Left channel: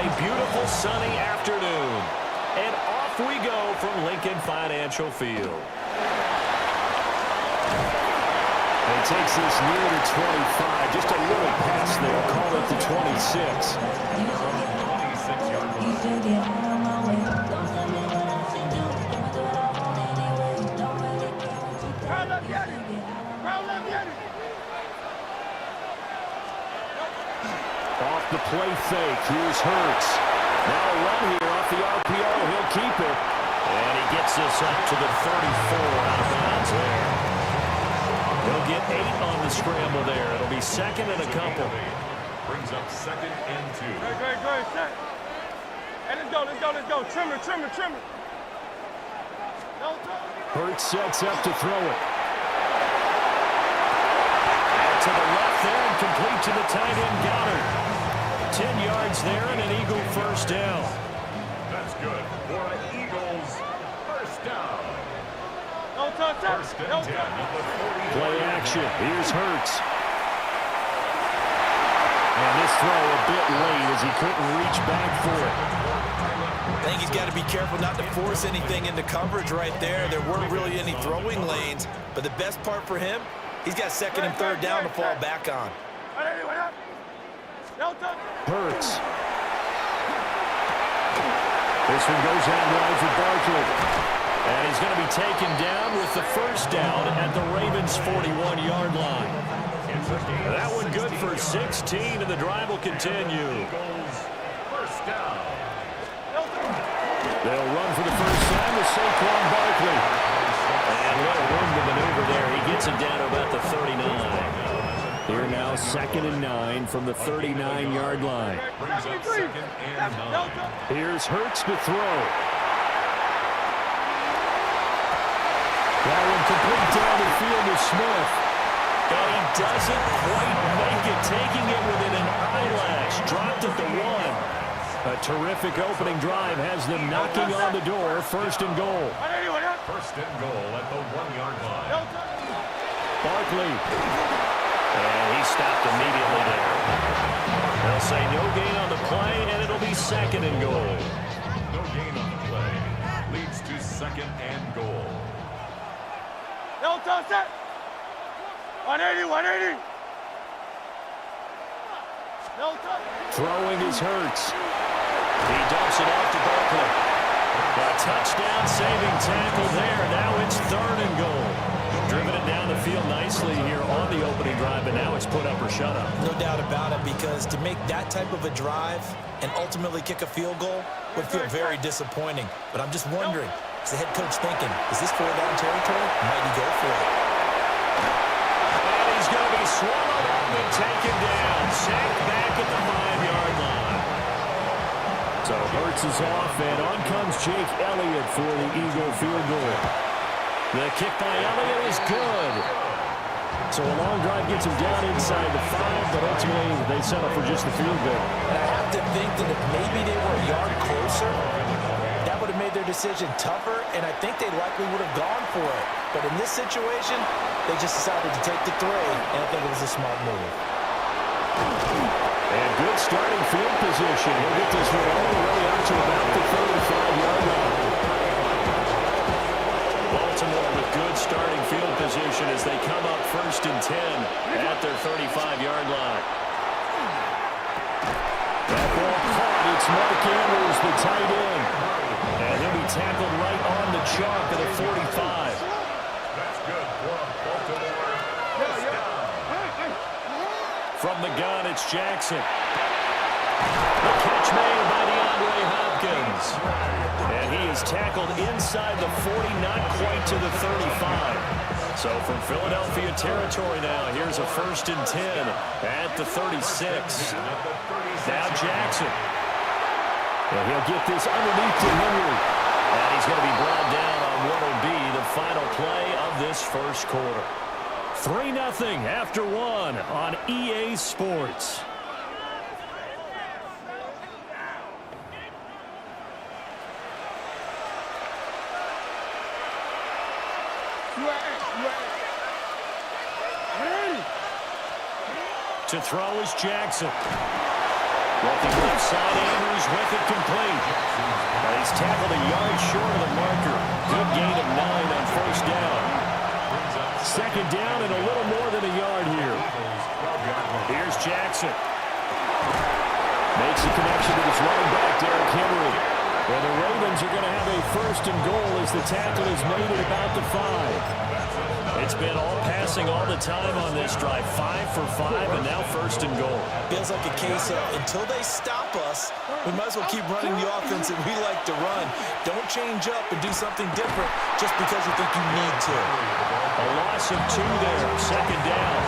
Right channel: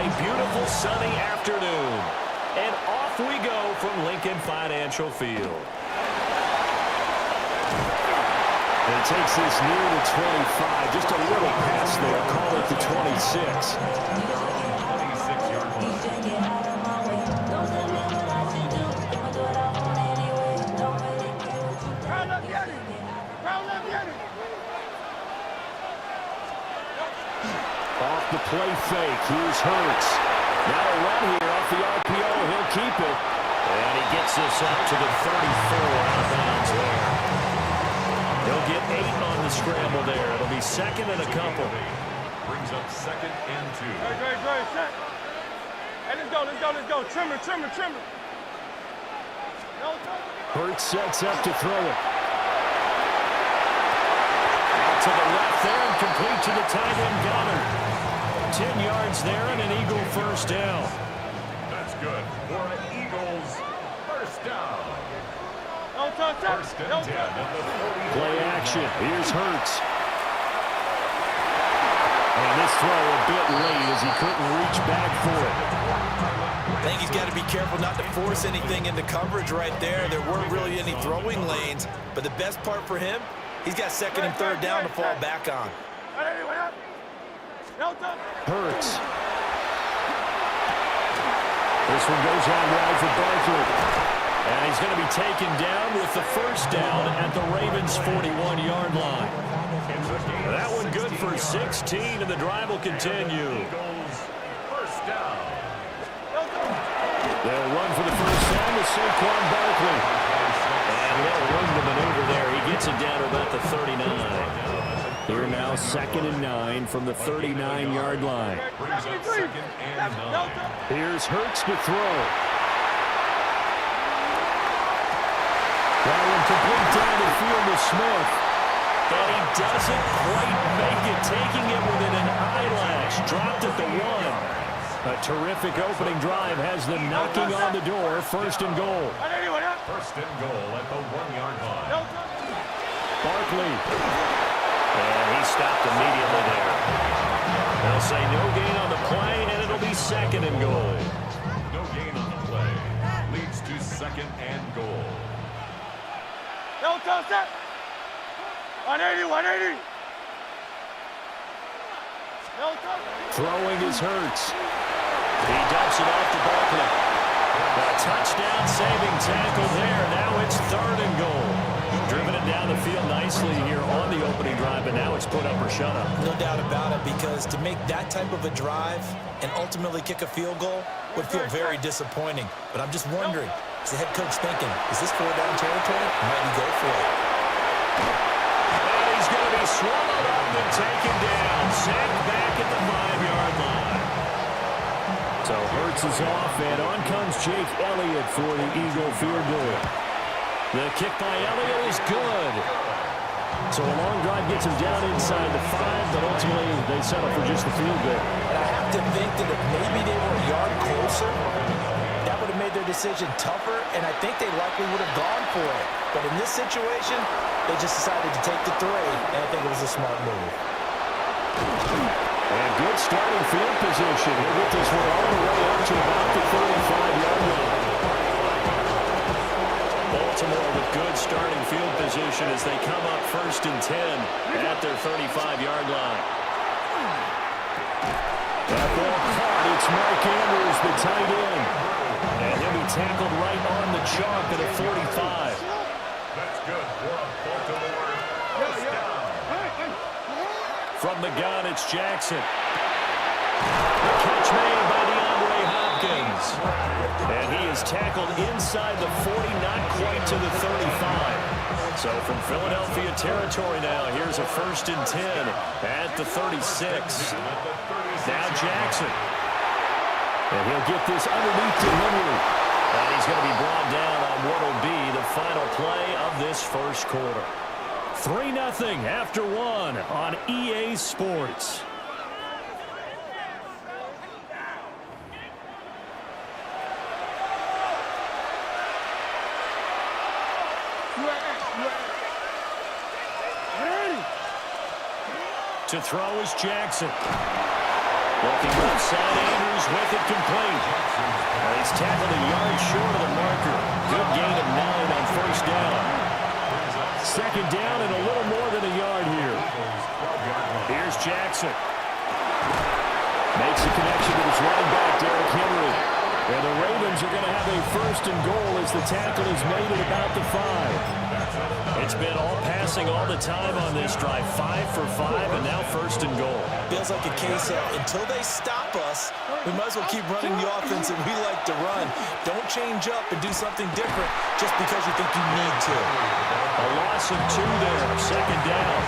a beautiful sunny afternoon. And off we go from Lincoln Financial Field. And he takes this near the 25. Just a little pass there. Call it the 26. Off the play fake. Here's Hurts. Now a run here off the RPO. He'll keep it. And he gets this up to the 34 out of bounds there. He'll get 8 on the scramble there. It'll be second and a couple. Brings up second and 2. Great, set. Hey, let's go. Trimmer. Hurts sets up to throw it. Out to the left there and complete to the tight end Goddard. 10 yards there and an Eagle first down. That's good for an Eagles first down. First and 10 at the 40. Play action. Here's Hurts. And this throw a bit late as he couldn't reach back for it. I think he's got to be careful not to force anything into coverage right there. There weren't really any throwing lanes, but the best part for him, he's got second and third down to fall back on. Hurts. This one goes out wide for Barkley. And he's going to be taken down with the first down at the Ravens' 41-yard line. That one good for 16, and the drive will continue. First down. They'll run for the first time with Saquon Barkley. And a little room to maneuver there. He gets it down to about the 39. Here now, second and 9 from the 39-yard line. Brings up second and 9. Here's Hurts to throw. That one complete down the field to Smith. And he doesn't quite make it, taking it within an eyelash. Dropped at the 1. A terrific opening drive has them knocking on the door. First and goal. First and goal at the 1-yard line. Barkley. And he stopped immediately there. They'll say no gain on the play, and it'll be second and goal. No gain on the play. Leads to second and goal. 180. Throwing is Hurts. He dumps it off to Barkley. A touchdown-saving tackle there. Now it's third and goal. Driven it down the field nicely here on the opening drive, but now it's put up or shut up. No doubt about it, because to make that type of a drive and ultimately kick a field goal would feel very disappointing. But I'm just wondering, is the head coach thinking, is this 4-down territory? Might he go for it? And he's going to be swallowed up and taken down. Sacked back at the 5-yard line. So Hurts is off, and on comes Jake Elliott for the Eagle field goal. The kick by Elliott is good. So a long drive gets him down inside the 5, but ultimately they settle for just the field goal. And I have to think that if maybe they were a yard closer, that would have made their decision tougher, and I think they likely would have gone for it. But in this situation, they just decided to take the 3, and I think it was a smart move. And good starting field position. He'll get this one all the way up to about the 35-yard line. Baltimore with good starting field position as they come up first and 10 at their 35-yard line. That ball caught. It's Mark Andrews, the tight end. And he'll be tackled right on the chalk at a 45. That's good for a Baltimore first down. From the gun, it's Jackson. The catch made by DeAndre Hopkins. And he is tackled inside the 40, not quite to the 35. So from Philadelphia territory now, here's a first and 10 at the 36. Now Jackson. And he'll get this underneath to Henry. And he's going to be brought down on what will be the final play of this first quarter. 3-0 after 1 on EA Sports. To throw is Jackson. Looking left side, Andrews with it complete. And he's tackled a yard short of the marker. Good gain of 9 on first down. Second down and a little more than a yard here. Here's Jackson. Makes a connection to his running back, Derrick Henry. And the Ravens are going to have a first and goal as the tackle is made at about the 5. It's been all passing all the time on this drive. 5 for 5, and now first and goal. Feels like a case of until they stop us, we might as well keep running the offense that we like to run. Don't change up and do something different just because you think you need to. A loss of 2 there, second down.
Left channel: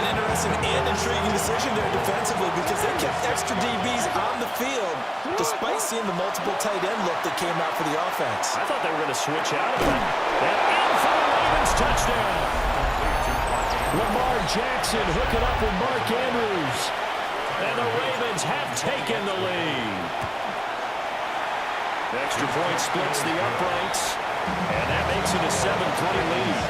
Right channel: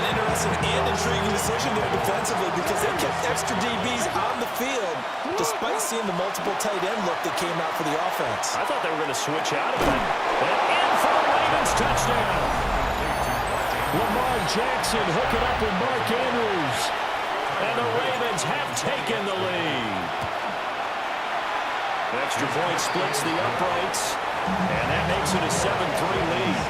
An interesting and intriguing decision there defensively because they kept extra DBs on the field despite seeing the multiple tight end look that came out for the offense. I thought they were going to switch out of it. And in for the Ravens touchdown. Lamar Jackson hooking up with Mark Andrews. And the Ravens have taken the lead. Extra point splits the uprights. And that makes it a 7-3 lead.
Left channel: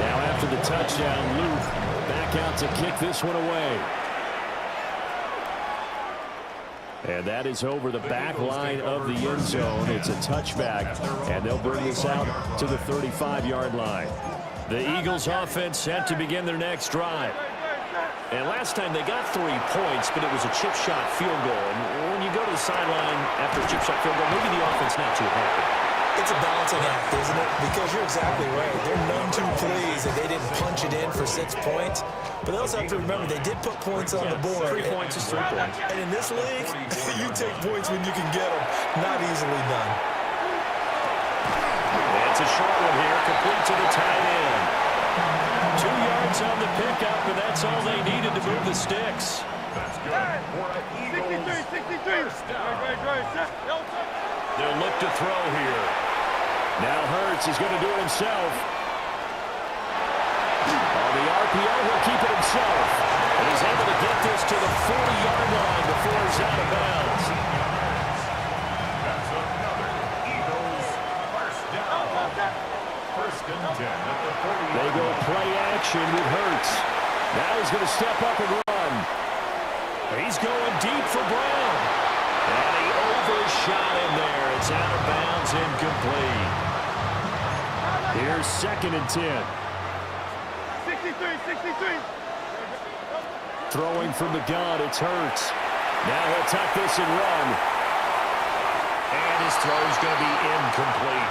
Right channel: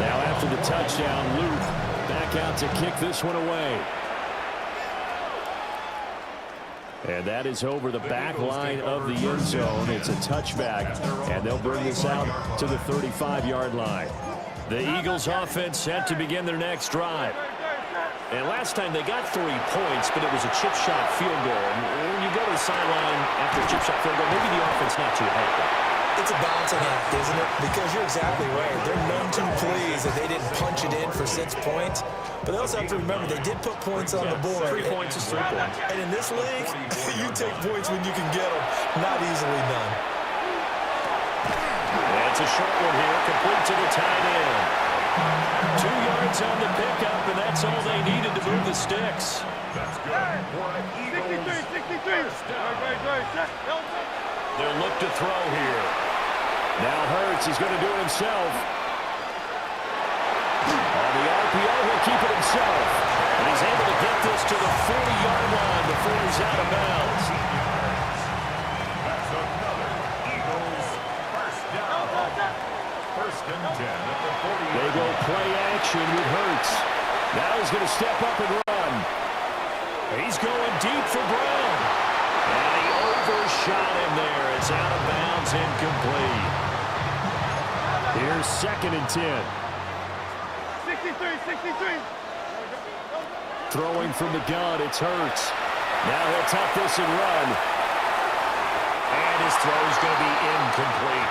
Now after the touchdown, Luke back out to kick this one away. And that is over the back line of the end zone. It's a touchback, and they'll bring this out to the 35-yard line. The Eagles offense set to begin their next drive. And last time they got 3 points, but it was a chip shot field goal. And when you go to the sideline after a chip shot field goal, maybe the offense not too happy. It's a balancing act, isn't it? Because you're exactly right. They're none too pleased that they didn't punch it in for 6 points. But they also have to remember they did put points on the board. 3 points is 3 points. And in this league, you take points when you can get them. Not easily done. It's a short one here, complete to the tight end. 2 yards on the pickup, and that's all they needed to move the sticks. That's good for an Eagles 63. They'll look to throw here. Now Hurts, he's going to do it himself. On the RPO, he'll keep it himself. And he's able to get this to the 40-yard line before he's out of bounds. That's another Eagles first down. First and 10 at the 40. They go play action with Hurts. Now he's going to step up and run. He's going deep for Brown. And he overshot him there. It's out of bounds, incomplete. Here's second and 10. 63. Throwing from the gun, it's Hurts. Now he'll tuck this and run. And his throw's going to be incomplete.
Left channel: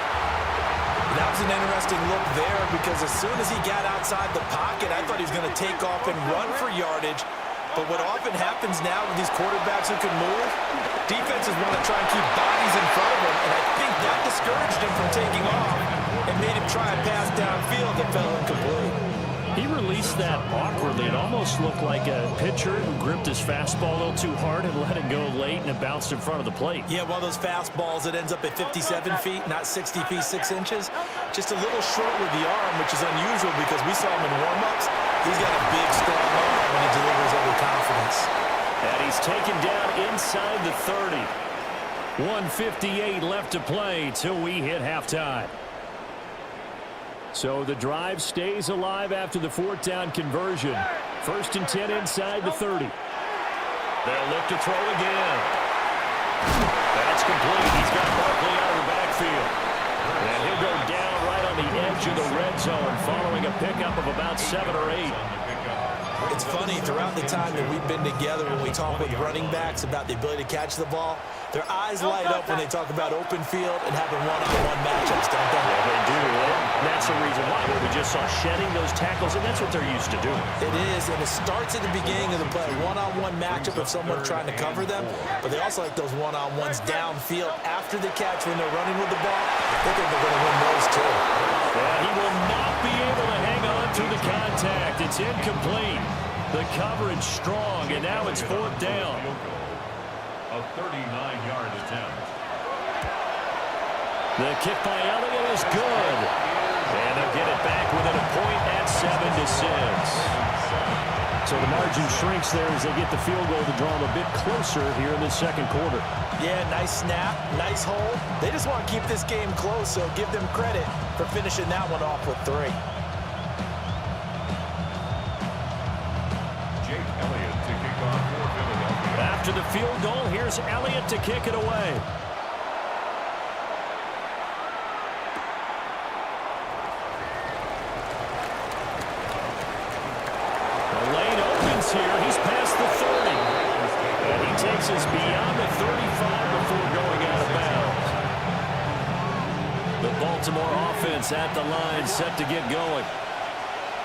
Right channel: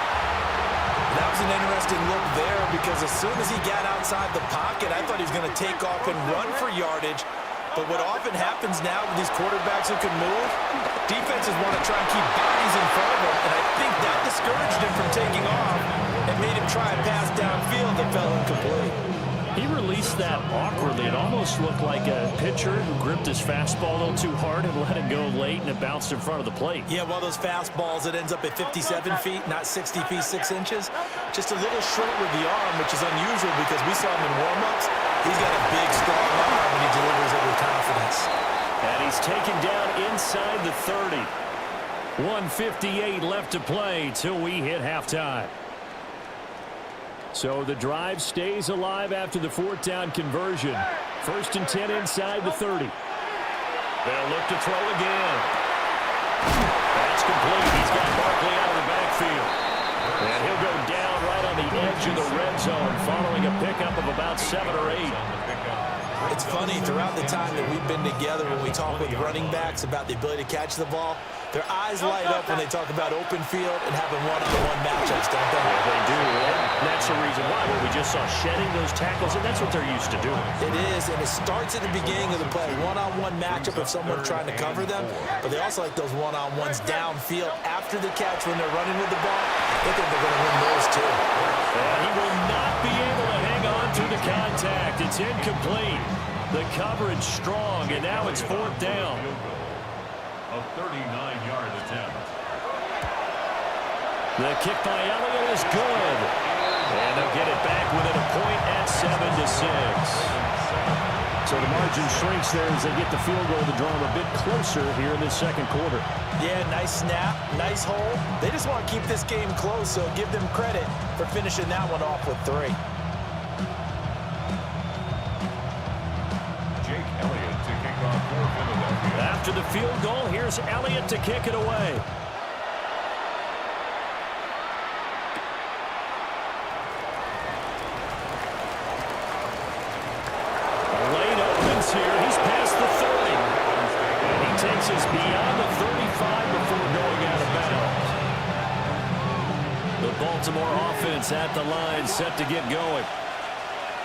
That was an interesting look there because as soon as he got outside the pocket, I thought he was going to take off and run for yardage. But what often happens now with these quarterbacks who can move, defenses want to try and keep bodies in front of them, and I think that discouraged him from taking off and made him try a pass downfield that fell incomplete. He released that awkwardly. It almost looked like a pitcher who gripped his fastball a little too hard and let it go late, and it bounced in front of the plate. Yeah, one of those fastballs that ends up at 57 feet, not 60 feet, 6 inches. Just a little short with the arm, which is unusual because we saw him in warm-ups. He's got a big, strong arm, and he delivers it with confidence. And he's taken down inside the 30. 1:58 left to play till we hit halftime. So the drive stays alive after the 4th down conversion. First and 10 inside the 30. They'll look to throw again. That's complete. He's got Barkley out of the backfield. And he'll go down right on the edge of the red zone following a pickup of about 7 or 8. It's funny, throughout the time that we've been together, when we talk with running backs about the ability to catch the ball, their eyes light up when they talk about open field and having one-on-one matchups, don't they? Yeah, they do. And that's the reason why. Well, we just saw shedding those tackles, and that's what they're used to doing. It is, and it starts at the beginning of the play. One-on-one matchup if someone's trying to cover them, but they also like those one-on-ones downfield after the catch when they're running with the ball. They think they're going to win those, too. And he will not be able to hang on through the contact. It's incomplete. The coverage strong, and now it's 4th down. A 39-yard attempt. The kick by Elliott is good. And they'll get it back within a point at 7-6. So the margin shrinks there as they get the field goal to draw them a bit closer here in this second quarter. Yeah, nice snap, nice hole. They just want to keep this game close, so give them credit for finishing that one off with 3. After the field goal, here's Elliott to kick it away. The lane opens here. He's past the 30. And he takes us beyond the 35 before going out of bounds. The Baltimore offense at the line, set to get going.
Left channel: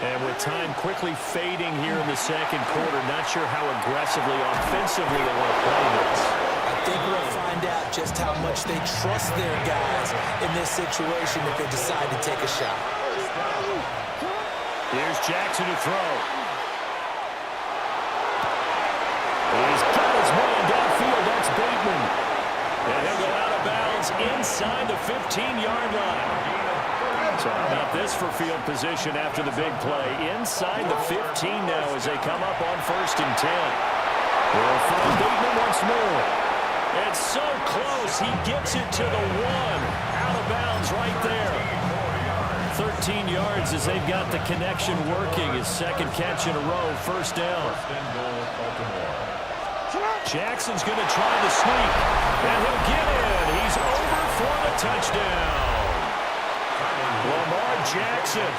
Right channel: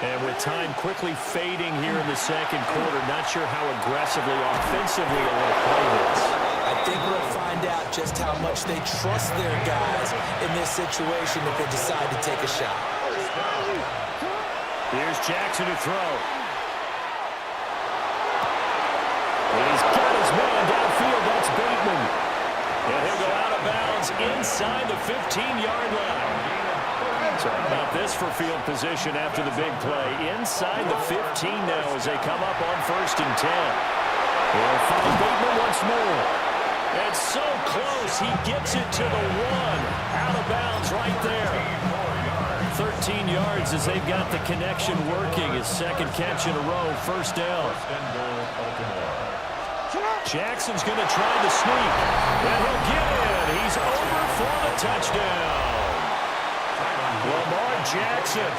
And with time quickly fading here in the second quarter, not sure how aggressively, offensively they want to play this. I think we'll find out just how much they trust their guys in this situation if they decide to take a shot. Here's Jackson to throw. He's got his man downfield. That's Bateman. And he'll go out of bounds inside the 15-yard line. So how about this for field position after the big play? Inside the 15 now as they come up on 1st and 10. They'll find Bateman once more. It's so close. He gets it to the 1. Out of bounds right there. 13 yards as they've got the connection working. His second catch in a row, 1st down. Jackson's going to try the sneak. And he'll get in. He's over for the touchdown. Lamar Jackson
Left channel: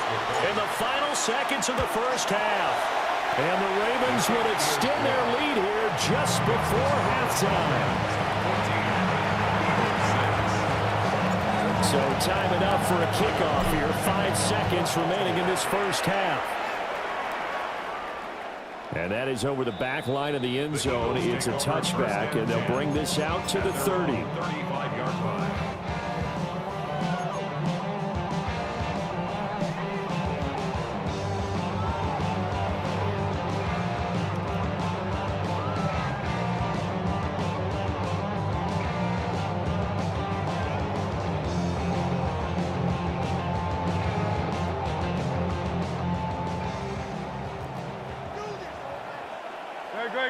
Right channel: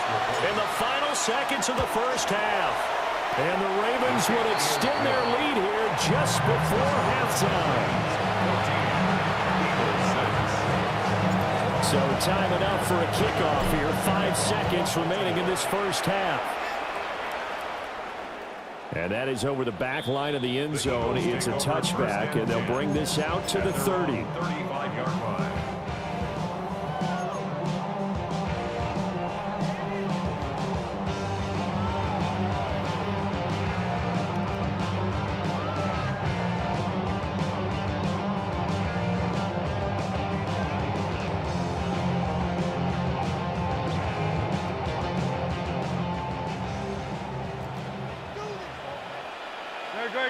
in the final seconds of the first half. And the Ravens would extend their lead here just before halftime. So time enough for a kickoff here. 5 seconds remaining in this first half. And that is over the back line of the end zone. It's a touchback, and they'll bring this out to the 30. 35-yard line.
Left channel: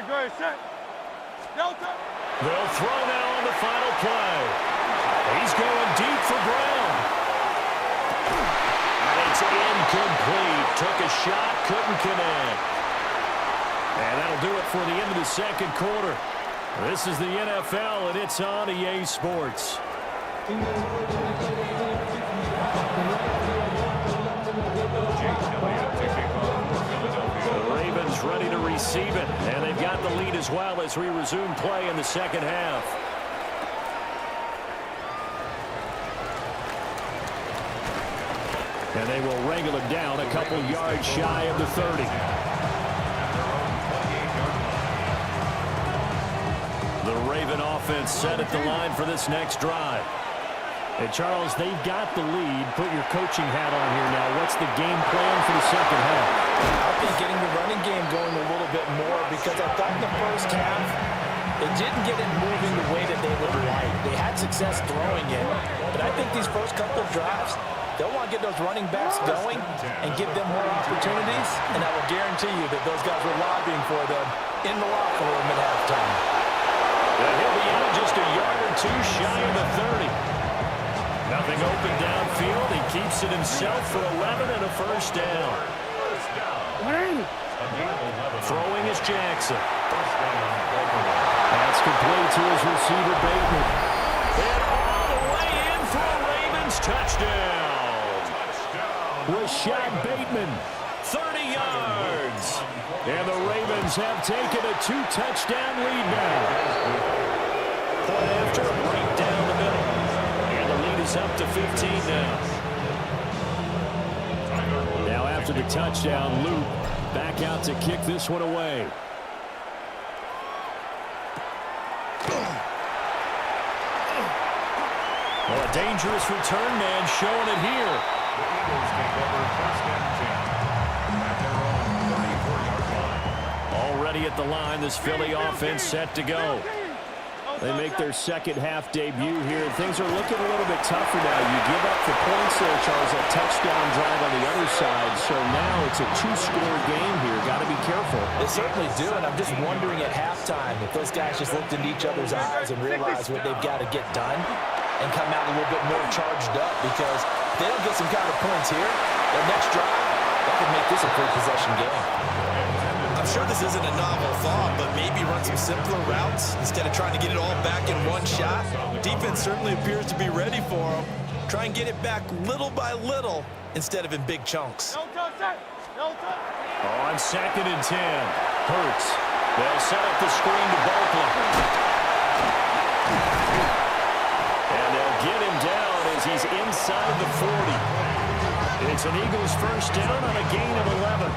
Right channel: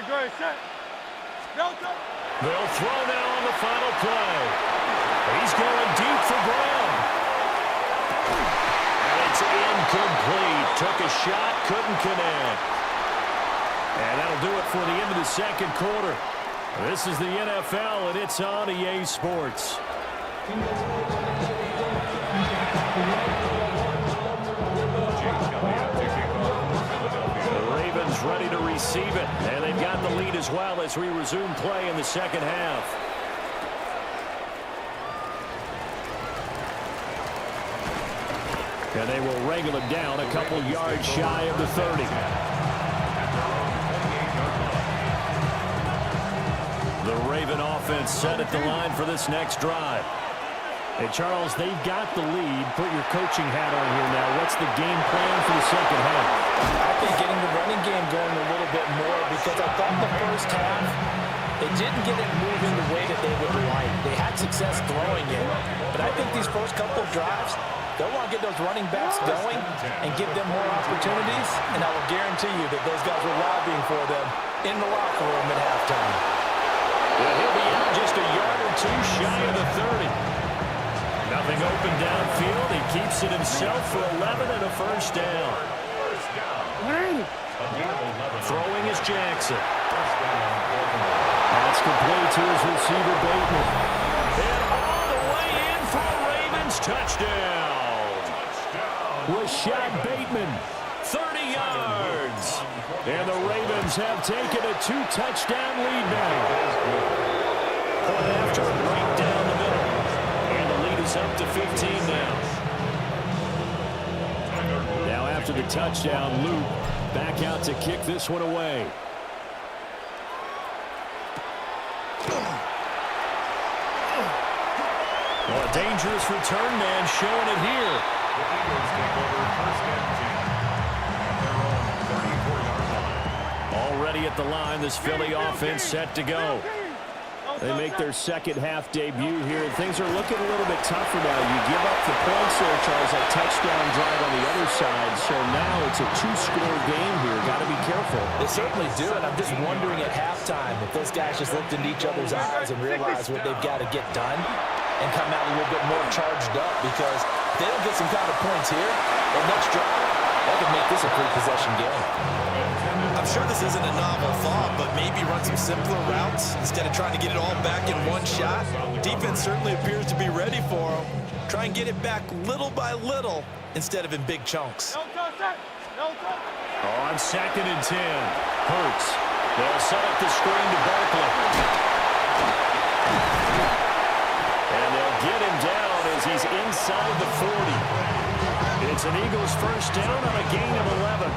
Great, set. Delta. They'll throw now on the final play. He's going deep for Brown. And it's incomplete. Took a shot, couldn't connect. And that'll do it for the end of the second quarter. This is the NFL, and it's on EA Sports. The Ravens ready to receive it, and they've got the lead as well as we resume play in the second half. And they will wrangle it down a couple yards shy of the 30. The Raven offense set at the line for this next drive. Hey, Charles, they've got the lead. Put your coaching hat on here now. What's the game plan for the second half? I think getting the running game going a little bit more, because I thought in the first half they didn't get it moving the way that they would like. They had success throwing it, but I think these first couple of drives, they'll want to get those running backs going and give them more opportunities, and I will guarantee you that those guys were lobbying for them in the locker room at halftime. Yeah, he'll be out just a yard or two shy of the 30. Nothing open downfield. He keeps it himself for 11 and a first down. Throwing is Jackson. That's complete to his receiver, Bateman. And all the way in for a Ravens touchdown. Rashad Bateman, 30 yards. And the Ravens have taken a 2-touchdown lead now. Point after, right down the middle. And the lead is up to 15 now. Now after the touchdown, Luke back out to kick this one away. Well, a dangerous return man showing it here. The Eagles take over 1st and 10 at their own 34-yard line. Already at the line, this Philly offense set to go. They make their second half debut here. Things are looking a little bit tougher now. You give up the points there, Charles, that touchdown drive on the other side. So now it's a 2-score game here. Got to be careful. They certainly do, and I'm just wondering at halftime if those guys just looked into each other's eyes and realized what they've got to get done and come out a little bit more charged up, because if they don't get some kind of points here, that next drive, that could make this a 3-possession game. I I'm sure this isn't a novel thought, but maybe run some simpler routes instead of trying to get it all back in one shot. Defense certainly appears to be ready for them. Try and get it back little by little instead of in big chunks. No touch, sir. No touch. On 2nd and 10. Hurts. They'll set up the screen to Barkley. And they'll get him down as he's inside the 40. It's an Eagles first down on a gain of 11.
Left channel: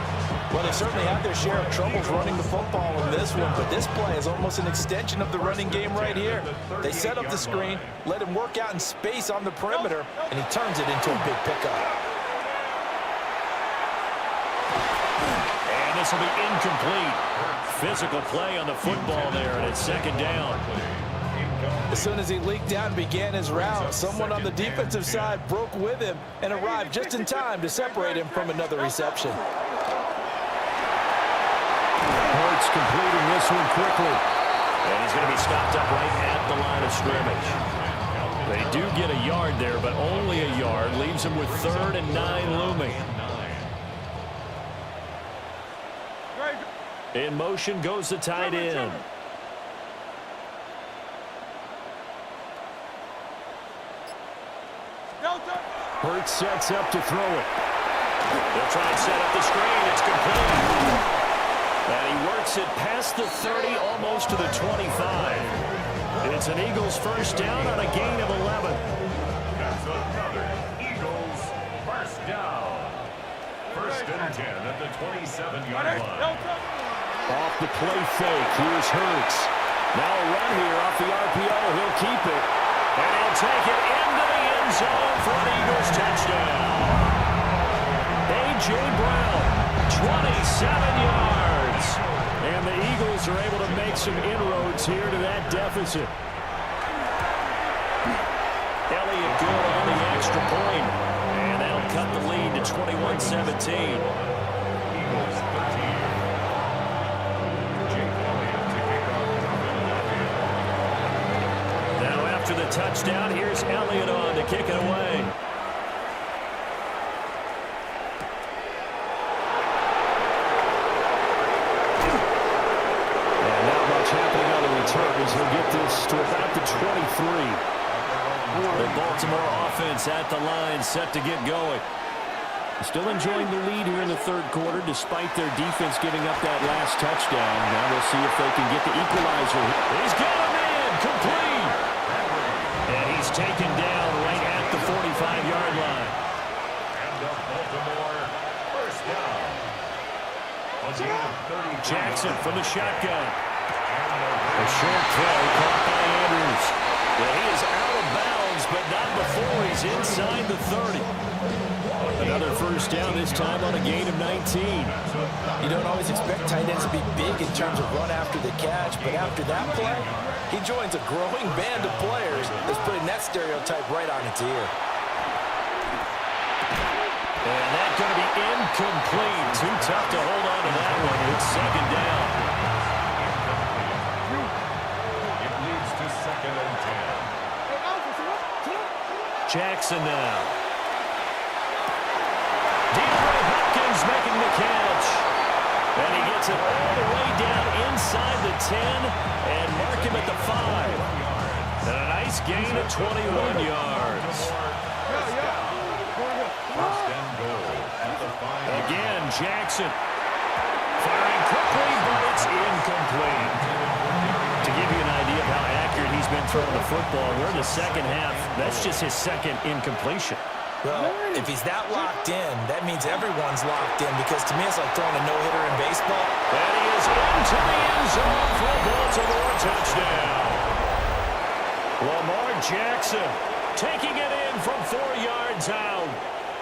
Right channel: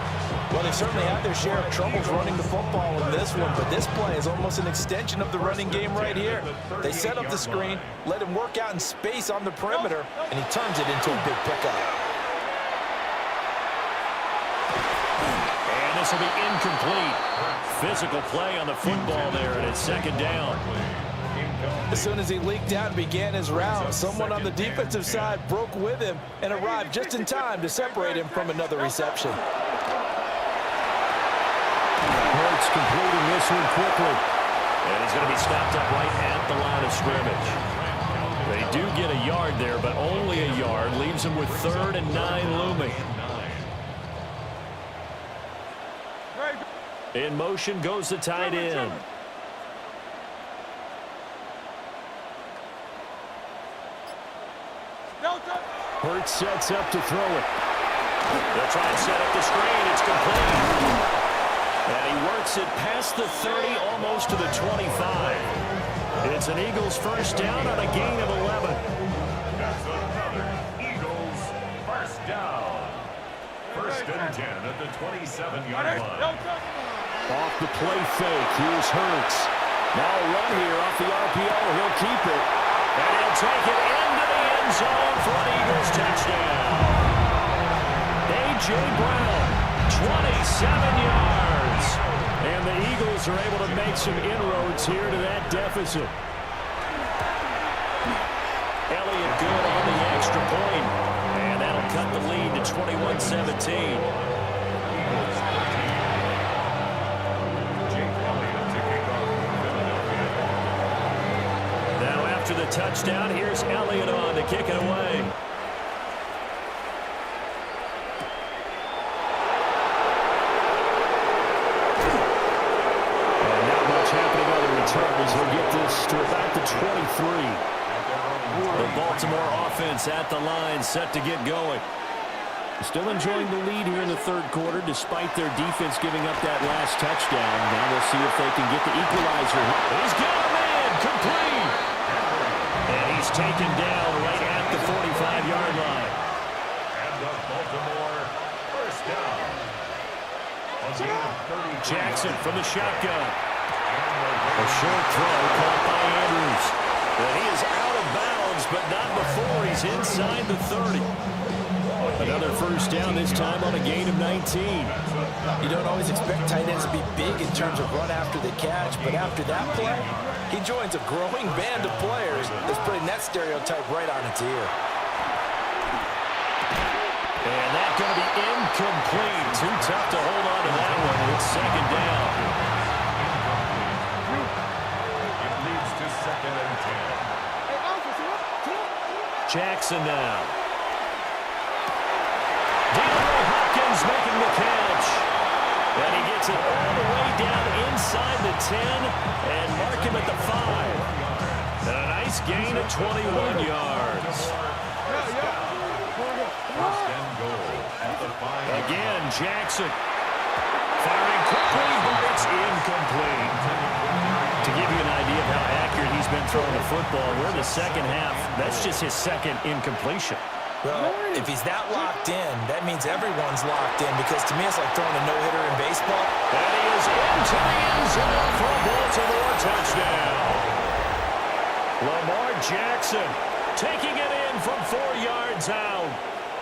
Well, they certainly had their share of troubles running the football in this one, but this play is almost an extension of the running game right here. They set up the screen, let him work out in space on the perimeter, and he turns it into a big pickup. And this will be incomplete. Physical play on the football there, and it's 2nd down. As soon as he leaked out and began his route, someone on the defensive side broke with him and arrived just in time to separate him from another reception. Hurts completing this one quickly. And he's going to be stopped up right at the line of scrimmage. They do get a yard there, but only a yard. Leaves him with 3rd and 9 looming. In motion goes the tight end. Hurts sets up to throw it. They'll try and set up the screen. It's complete. And he works it past the 30, almost to the 25. It's an Eagles first down on a gain of 11. That's another Eagles first down. 1st and 10 at the 27-yard line. Off the play fake, here's Hurts. Now a run here off the RPO. He'll keep it. And he'll take it into the end zone for an Eagles touchdown. A.J. Brown, 27 yards. And the Eagles are able to make some inroads here to that deficit. Elliott good on the extra point. And that'll cut the lead to 21-17. After the touchdown, here's Elliott on to kick it away. And not much happening on the returns. He'll get this to about the 23. The Baltimore offense at the line, set to get going. Still enjoying the lead here in the 3rd quarter, despite their defense giving up that last touchdown. Now they'll see if they can get the equalizer. He's got him in, complete. And he's taken down right at the 45-yard line. And the Baltimore first down. Jackson from the shotgun. A short throw caught by Andrews. And he is out of bounds, but not before he's inside the 30. Another first down, this time on a gain of 19. You don't always expect tight ends to be big in terms of run after the catch, but after that play, he joins a growing band of players that's putting that stereotype right on its ear. And that's going to be incomplete. Too tough to hold on to that one. It's 2nd down. It leads to 2nd and 10. Jackson now. Deantae Hopkins making the catch. And he gets it all the way down inside the 10 and mark him at the 5. And a nice gain of 21 yards. First and goal at the 5. Again, Jackson firing quickly, but it's incomplete. To give you an idea of how accurate he's been throwing the football, we're in the 2nd half. That's just his 2nd incompletion. Well, if he's that locked in, that means everyone's locked in, because to me it's like throwing a no-hitter in baseball. And he is into the end zone for a Baltimore touchdown. Lamar Jackson taking it in from 4 yards out.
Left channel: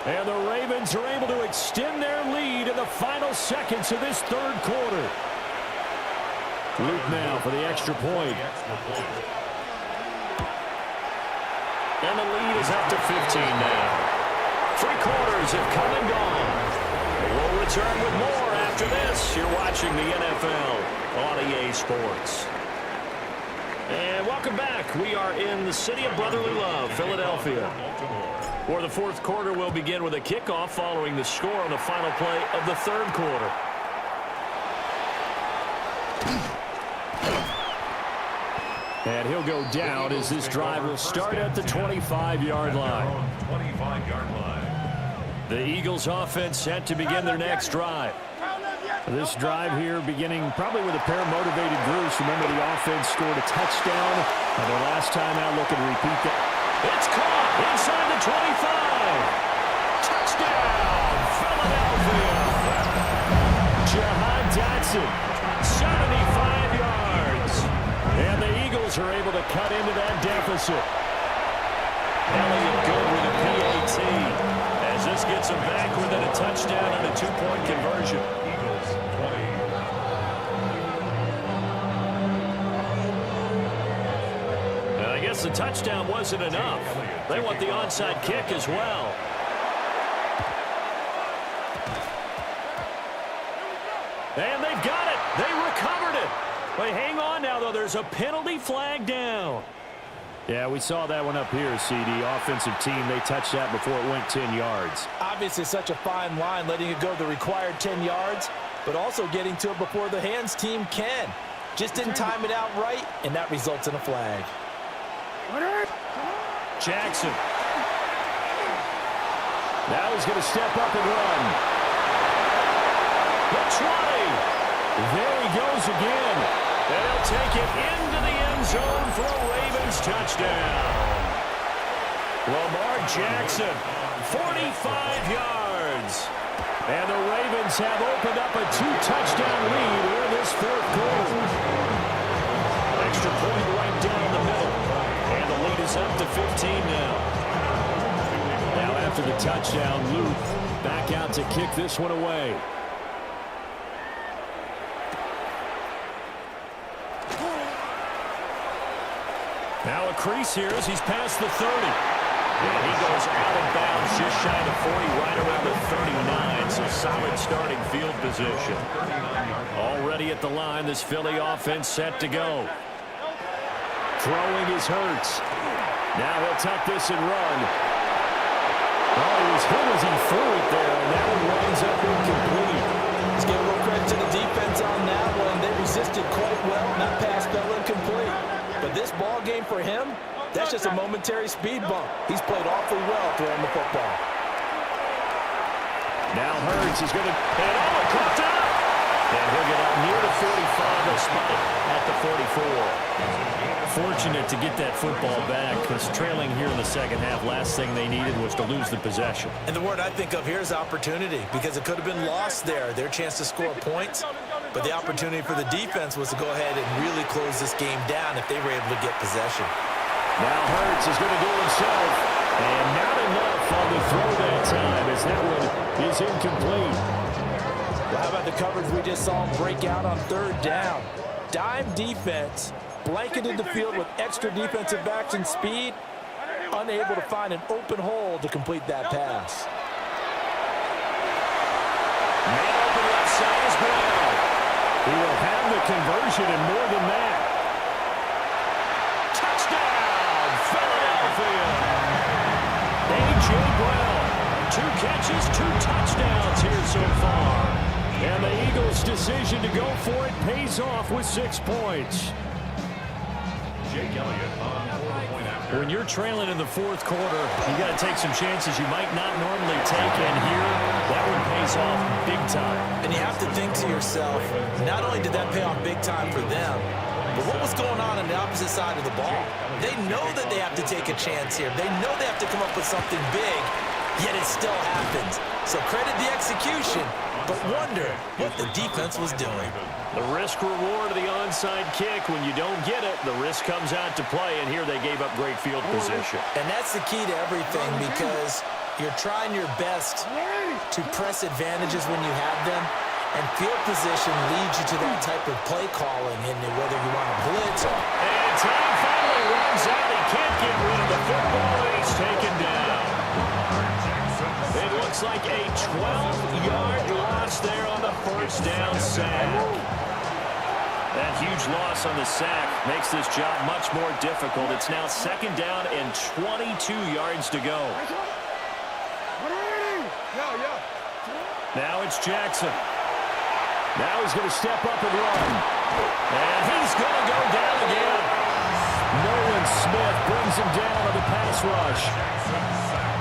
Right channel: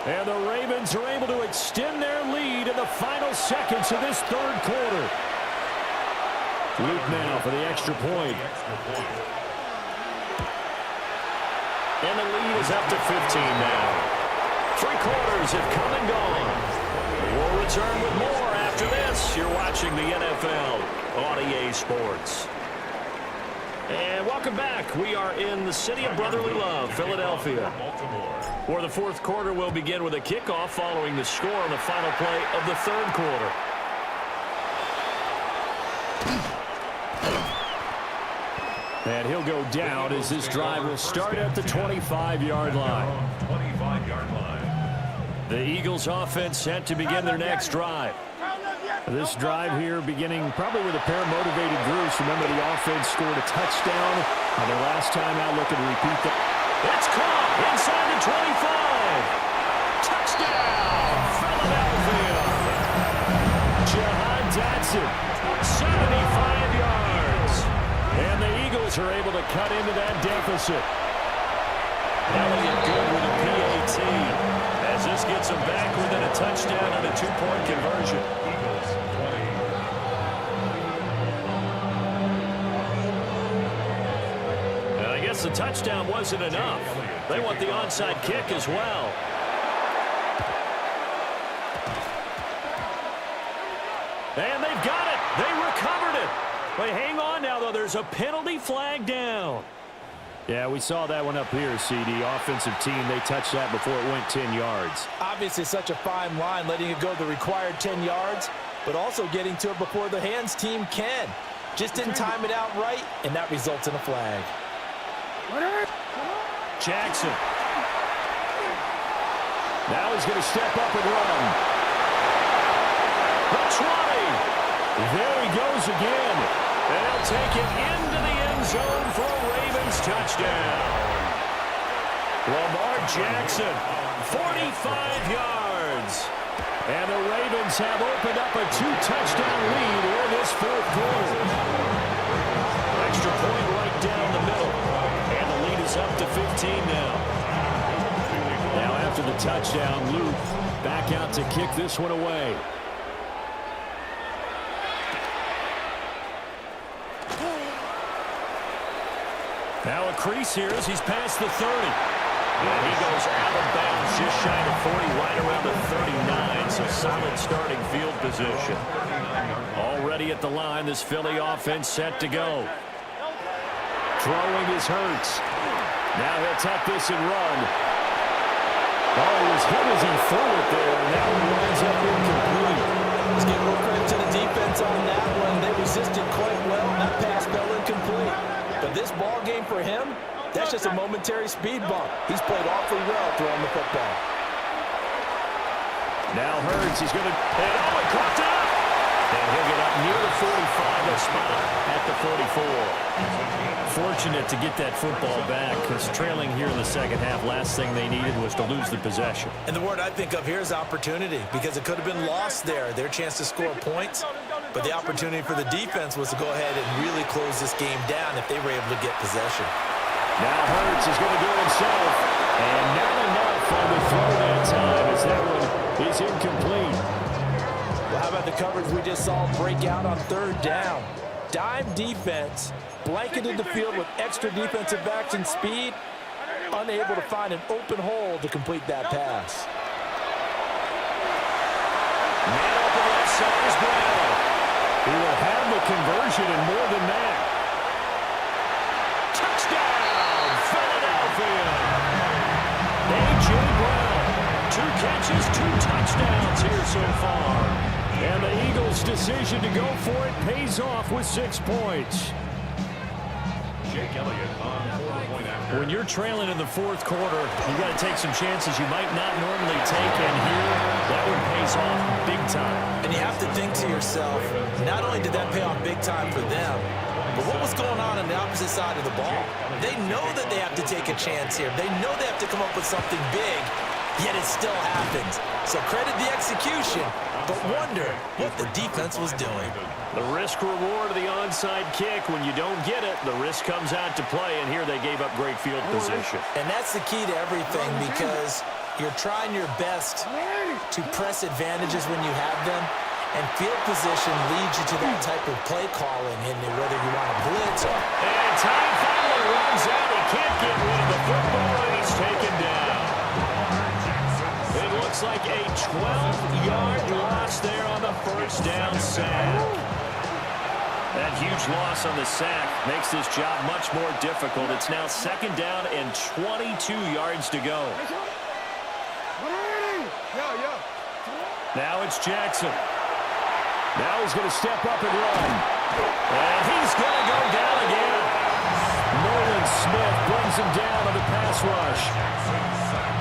And the Ravens are able to extend their lead in the final seconds of this 3rd quarter. Luke now for the extra point. And the lead is up to 15 now. 3 quarters have come and gone. We'll return with more after this. You're watching the NFL on eSports. And welcome back. We are in the city of brotherly love, Philadelphia, where the 4th quarter will begin with a kickoff following the score on the final play of the 3rd quarter. And he'll go down as this drive will start at the 25-yard line. 25-yard line. The Eagles offense set to begin their next drive. This drive here beginning probably with a pair of motivated groups. Remember, the offense scored a touchdown on their last time out. Looking to repeat that. It's caught inside the 25. Touchdown, Philadelphia. Jahan Dotson, 75 yards. And the Eagles are able to cut into that deficit. Elliott good with a PAT. As this gets them back within a touchdown and a two-point conversion. Eagles 20. And I guess the touchdown wasn't enough. They want the onside kick as well. And they've got it. They recovered it. Wait, hang on now, though. There's a penalty flag down. Yeah, we saw that one up here, CD. Offensive team, they touched that before it went 10 yards. Obviously, such a fine line, letting it go the required 10 yards, but also getting to it before the hands team can. Just didn't time it out right, and that results in a flag. Jackson. Now he's going to step up and run. The 20. There he goes again. And he'll take it into the end zone for a Ravens touchdown. Lamar Jackson, 45 yards. And the Ravens have opened up a two-touchdown lead here in this fourth quarter. Extra point right down the middle. And the lead is up to 15 now. Now after the touchdown, Luke back out to kick this one away. Now a crease here as he's past the 30. And he goes out of bounds just shy of 40, right around the 39. So solid starting field position. Already at the line, this Philly offense set to go. Throwing is Hurts. Now he'll tuck this and run. Oh, he was hit as he threw it there, and that one winds up incomplete. Let's give a little credit to the defense on that one. They resisted quite well, and that pass fell incomplete. But this ball game for him, that's just a momentary speed bump. He's played awfully well throwing the football. Now Hurts, he's going to... And oh, it caught up! And he'll get up near the 45. They'll spot it at the 44. Fortunate to get that football back, because trailing here in the second half, last thing they needed was to lose the possession. And the word I think of here is opportunity, because it could have been lost there, their chance to score points. But the opportunity for the defense was to go ahead and really close this game down if they were able to get possession. Now Hurts is going to do it himself. And not enough on the throw that time, as that one is incomplete. Well, how about the coverage we just saw break out on third down? Dime defense, blanketed the field with extra defensive backs and speed, unable to find an open hole to complete that pass. Man open left side is Brown. He will have the conversion and more than that. Touchdown, Philadelphia. A.J. Brown, 2 catches, 2 touchdowns here so far. And the Eagles' decision to go for it pays off with 6 points. Jake Elliott on 4-point after. When you're trailing in the fourth quarter, you got to take some chances you might not normally take, and here, that one pays off big time. And you have to think to yourself, not only did that pay off big time for them, but what was going on the opposite side of the ball? They know that they have to take a chance here. They know they have to come up with something big, yet it still happens. So credit the execution, but wonder what the defense was doing. The risk-reward of the onside kick, when you don't get it, the risk comes out to play, and here they gave up great field position. And that's the key to everything, because you're trying your best to press advantages when you have them, and field position leads you to that type of play calling, and whether you want to blitz or... And time finally runs out. He can't get rid of the football, and he's taken down. It looks like a 12-yard loss there on the first down sack. That huge loss on the sack makes this job much more difficult. It's now 2nd down and 22 yards to go. Now it's Jackson. Now he's going to step up and run. And he's going to go down again. Nolan Smith brings him down on the pass rush.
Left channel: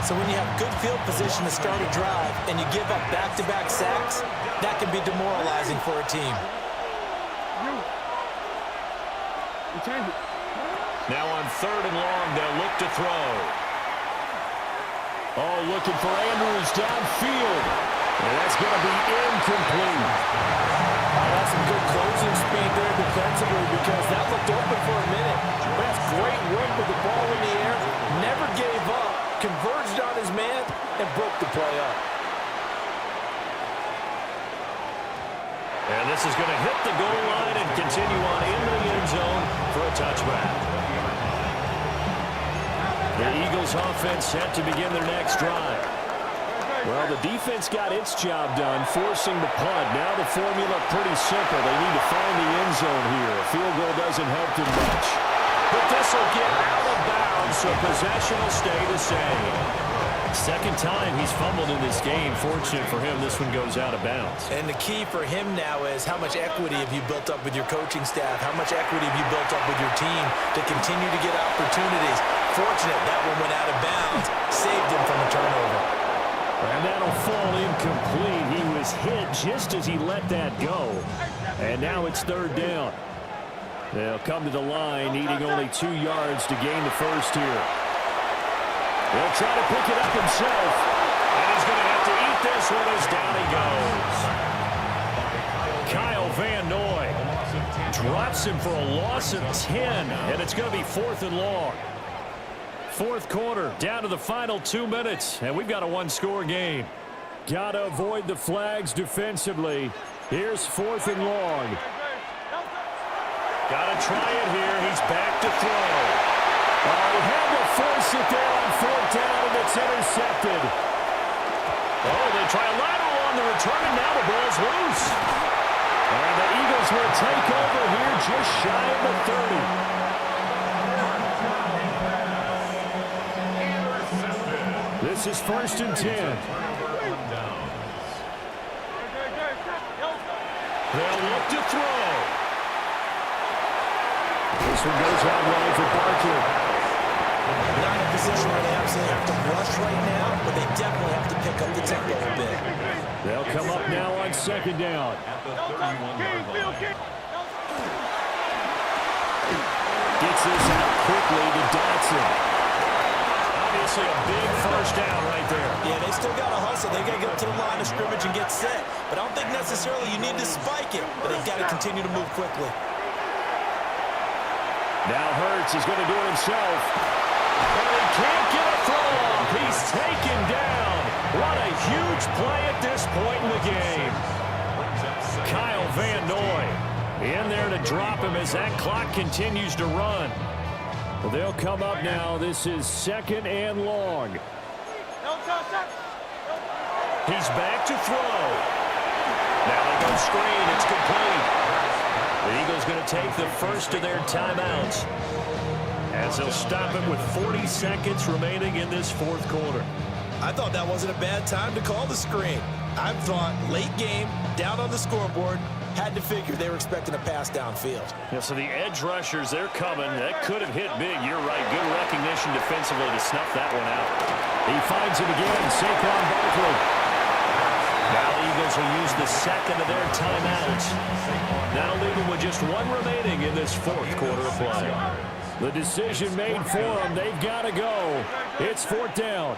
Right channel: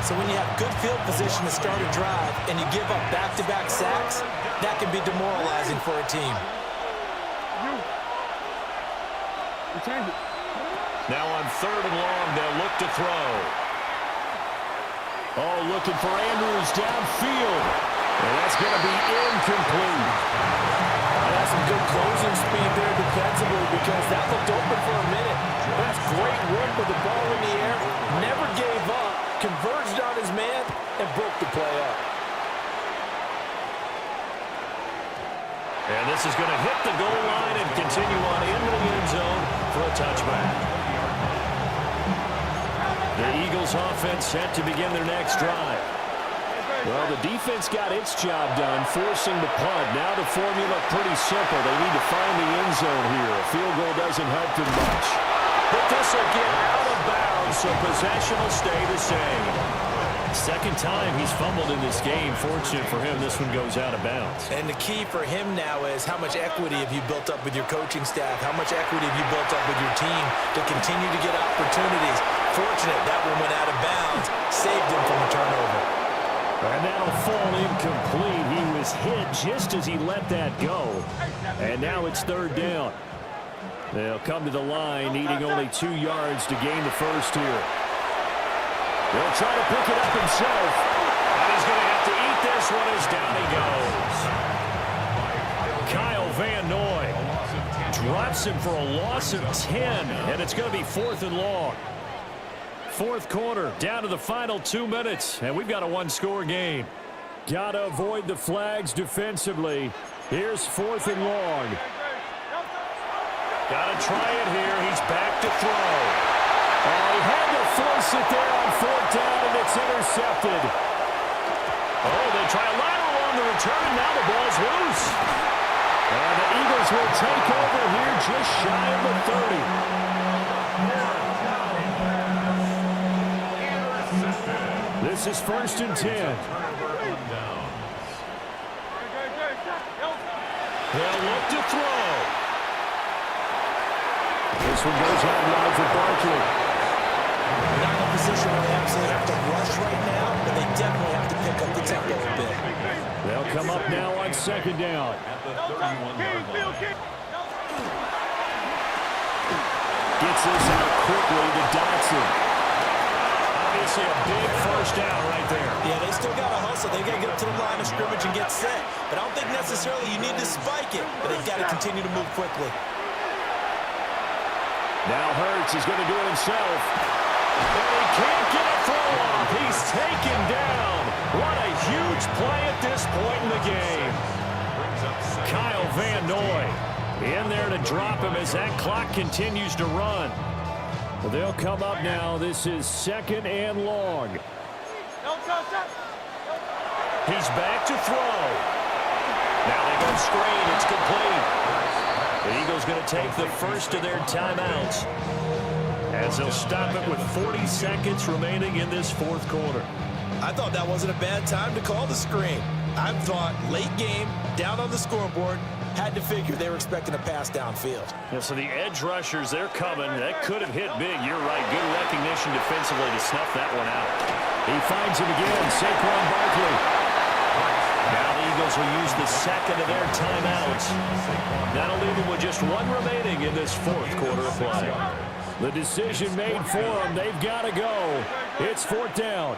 So when you have good field position to start a drive and you give up back-to-back sacks, that can be demoralizing for a team. Now on 3rd and long, they'll look to throw. Oh, looking for Andrews downfield. And that's going to be incomplete. That's some good closing speed there defensively because that looked open for a minute. That's great work with the ball in the air. Never gave up, converged on his man, and broke the play up. And this is going to hit the goal line and continue on into the end zone for a touchback. The Eagles offense set to begin their next drive. Well, the defense got its job done, forcing the punt. Now the formula pretty simple. They need to find the end zone here. A field goal doesn't help them much. But this will get out of bounds, so possession will stay the same. Second time he's fumbled in this game. Fortunate for him, this one goes out of bounds. And the key for him now is how much equity have you built up with your coaching staff? How much equity have you built up with your team to continue to get opportunities? Fortunate that one went out of bounds, saved him from a turnover. And that'll fall incomplete. He was hit just as he let that go. And now it's 3rd down. They'll come to the line, needing only 2 yards to gain the first here. He'll try to pick it up himself. And he's going to have to eat this one as down he goes. Kyle Van Noy drops him for a loss of 10. And it's going to be 4th and long. 4th quarter, down to the final 2 minutes, and we've got a 1-score game. Got to avoid the flags defensively. Here's 4th and long. Got to try it here. He's back to throw. Oh, he had to force it there on 4th down, and it's intercepted. Oh, they try a lateral on the return, and now the ball's loose. And the Eagles will take over here just shy of the 30. This is 1st and 10. They'll look to throw. This one goes out wide for Barkley. Not in a position where they absolutely have to rush right now, but they definitely have to pick up the tempo a bit. They'll come up now on 2nd down. Gets this out quickly to Dotson. Obviously a big first down right there. Yeah, they still got to hustle. They got to get up to the line of scrimmage and get set. But I don't think necessarily you need to spike it, but they've got to continue to move quickly. Now Hurts is going to do it himself. And he can't get a throw off. He's taken down. What a huge play at this point in the game. Kyle Van Noy in there to drop him as that clock continues to run. Well, they'll come up now. This is 2nd and long. He's back to throw. Now they go screen. It's complete. The Eagles going to take the first of their timeouts as they'll stop it with 40 seconds remaining in this 4th quarter. I thought that wasn't a bad time to call the screen. I thought late game, down on the scoreboard, had to figure they were expecting a pass downfield. Yeah, so the edge rushers, they're coming. That could have hit big. You're right. Good recognition defensively to snuff that one out. He finds him again, Saquon Barkley. Now the Eagles will use the second of their timeouts. That'll leave them with just 1 remaining in this 4th quarter of play. The decision made for them. They've got to go. It's 4th down.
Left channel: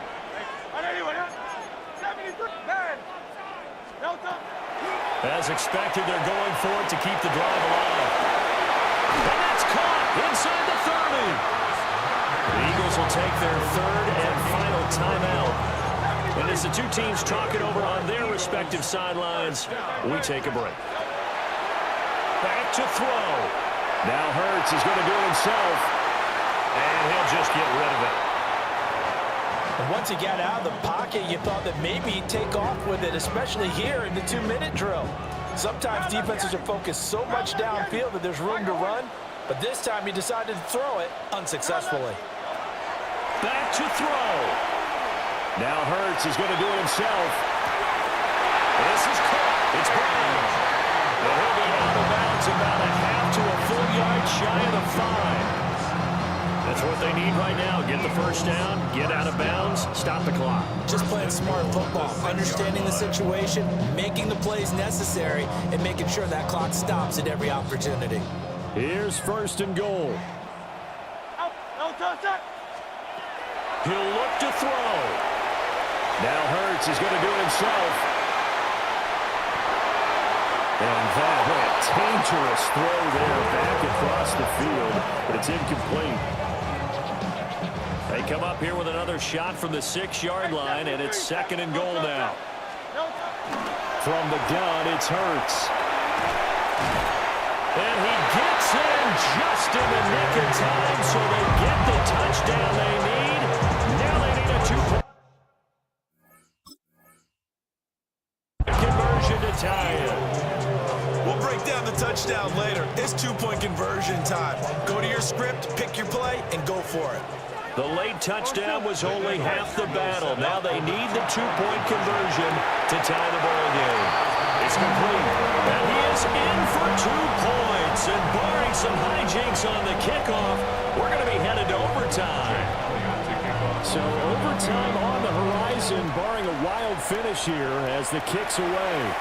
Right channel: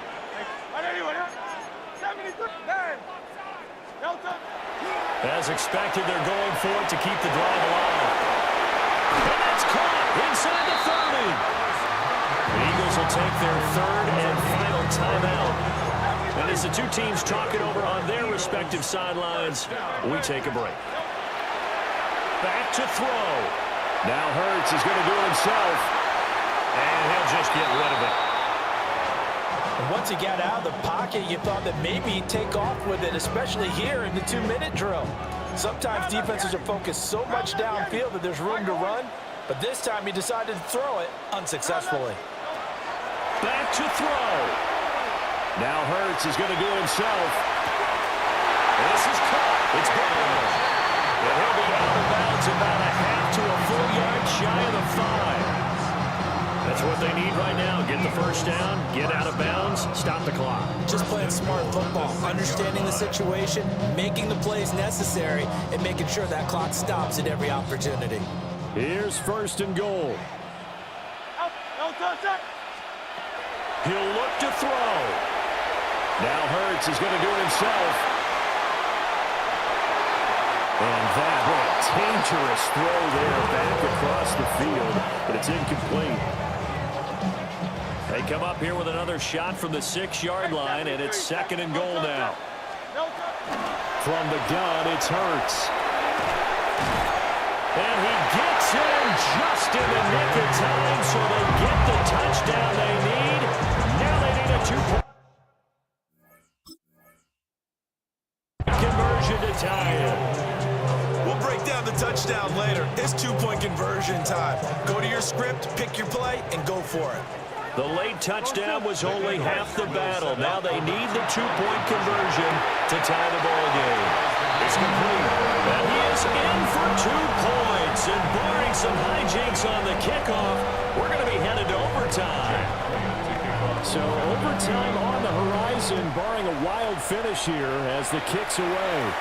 As expected, they're going for it to keep the drive alive. And that's caught inside the 30. The Eagles will take their 3rd and final timeout. And as the two teams talk it over on their respective sidelines, we take a break. Back to throw. Now Hurts is going to do it himself. And he'll just get rid of it. And once he got out of the pocket, you thought that maybe he'd take off with it, especially here in the 2-minute drill. Sometimes defenses are focused so much downfield that there's room to run, but this time he decided to throw it unsuccessfully. Back to throw. Now Hurts is going to do it himself. This is caught. It's Brown. And he'll be out of bounds about a half to a full yard shy of the 5. That's what they need right now. Get the first down, get out of bounds, stop the clock. Just playing smart football, understanding the situation, making the plays necessary, and making sure that clock stops at every opportunity. Here's first and goal. He'll look to throw. Now Hurts is going to do it himself. And that went dangerous throw there back across the field, but it's incomplete. They come up here with another shot from the 6-yard line, and it's second and goal now. From the gun, it's Hurts. And he gets in just in the nick of time, so they get the touchdown they need. Now they need a 2-point conversion to tie it. We'll break down the touchdown later. It's 2-point conversion time. Go to your script, pick your play, and go for it. The late touchdown was only half the battle. Now they need the 2-point conversion to tie the ball game. It's complete. And he is in for 2 points. And barring some hijinks on the kickoff, we're going to be headed to overtime. So overtime on the horizon, barring a wild finish here as the kick's away.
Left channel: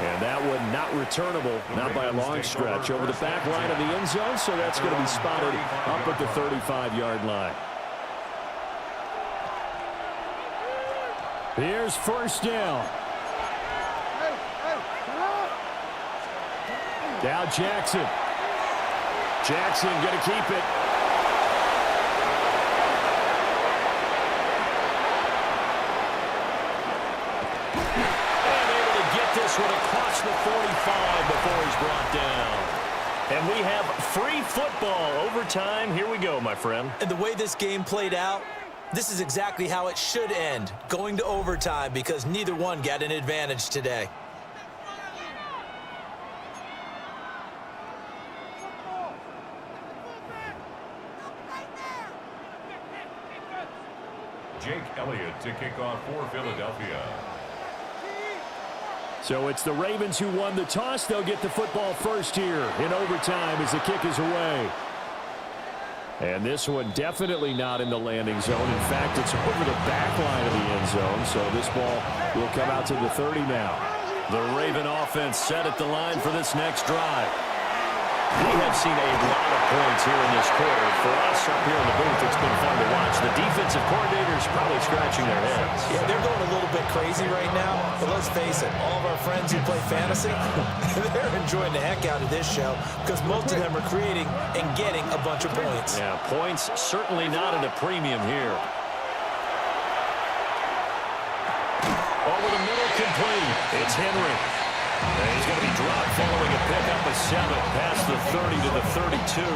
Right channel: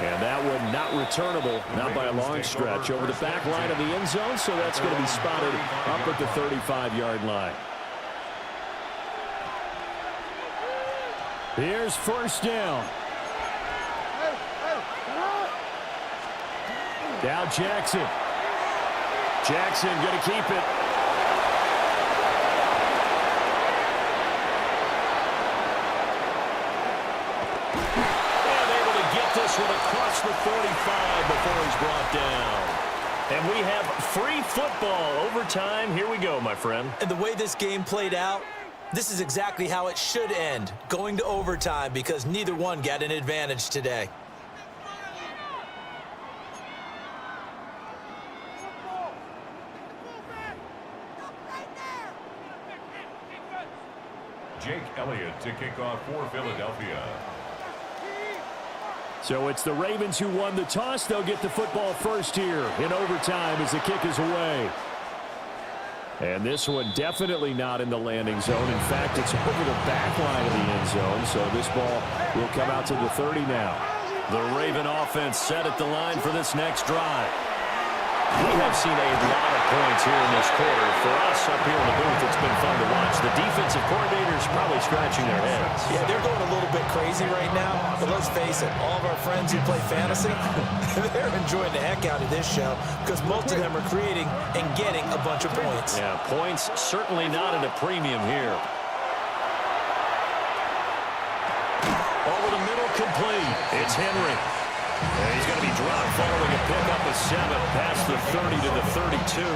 And that one not returnable, not by a long stretch, over the back line of the end zone, so that's going to be spotted up at the 35-yard line. Here's first down. Now Jackson. Jackson going to keep it. This one across the 45 before he's brought down. And we have free football overtime. Here we go, my friend. And the way this game played out, this is exactly how it should end, going to overtime, because neither one got an advantage today. Jake Elliott to kick off for Philadelphia. So it's the Ravens who won the toss. They'll get the football first here in overtime as the kick is away. And this one definitely not in the landing zone. In fact, it's over the back line of the end zone. So this ball will come out to the 30 now. The Raven offense set at the line for this next drive. We have seen a lot of points here in this quarter. For us up here in the booth, it's been fun to watch. The defensive coordinators probably scratching their heads. Yeah, they're going a little bit crazy right now, but let's face it, all of our friends who play fantasy, they're enjoying the heck out of this show because most of them are creating and getting a bunch of points. Yeah, points certainly not at a premium here. Over the middle, complete. It's Henry. And he's going to be dropped following a pickup of 7 past the 30 to the 32.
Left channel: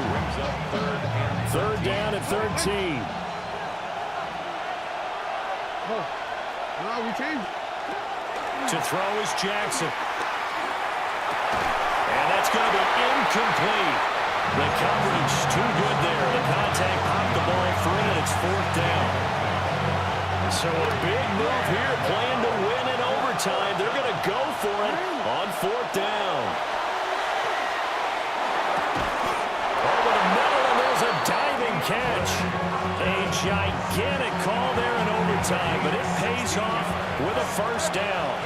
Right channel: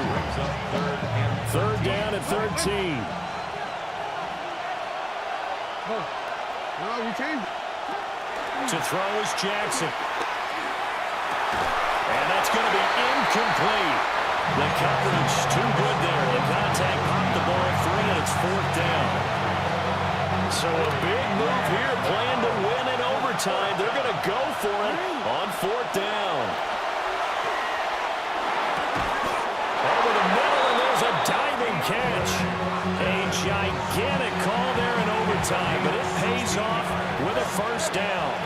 Third down at 13. To throw is Jackson. And that's going to be incomplete. The coverage too good there. The contact popped the ball free, and it's 4th down. So a big move here, playing to win in overtime. They're going to go for it on 4th down. Over the middle, and there's a diving catch. A gigantic call there in overtime, but it pays off with a first down.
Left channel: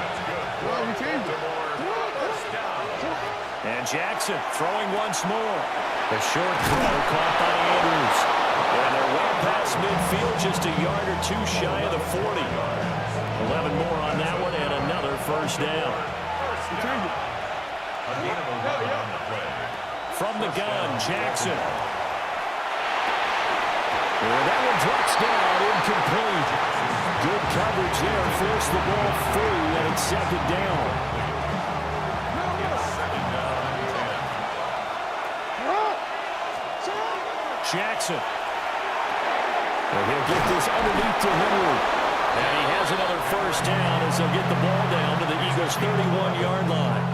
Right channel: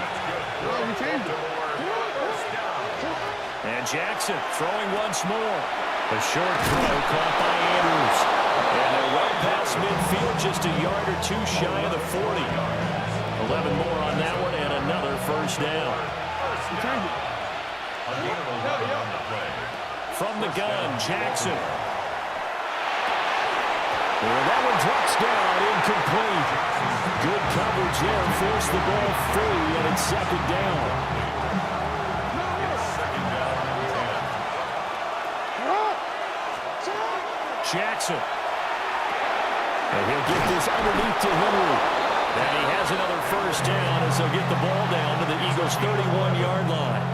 And Jackson throwing once more. A short throw caught by Andrews. And they're well past midfield, just a yard or 2 shy of the 40. 11 more on that one, and another first down. A gain of 11 on the play. From the gun, Jackson. And that one drops down, incomplete. Good coverage there, forced the ball free, and it's 2nd down. It's 2nd down and 10. Jackson. And he'll get this underneath to Henry. And he has another first down as they'll get the ball down to the Eagles' 31-yard line.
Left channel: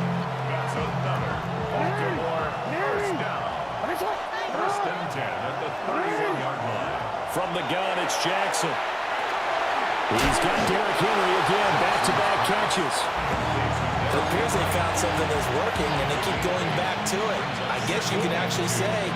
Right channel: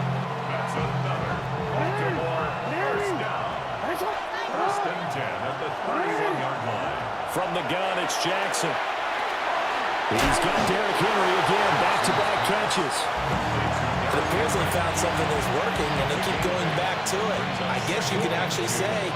That's another Baltimore first down. 1st and 10 at the 31-yard line. From the gun, it's Jackson. He's got Derrick Henry again, back-to-back catches. It appears they found something that's working, and they keep going back to it. I guess you could actually say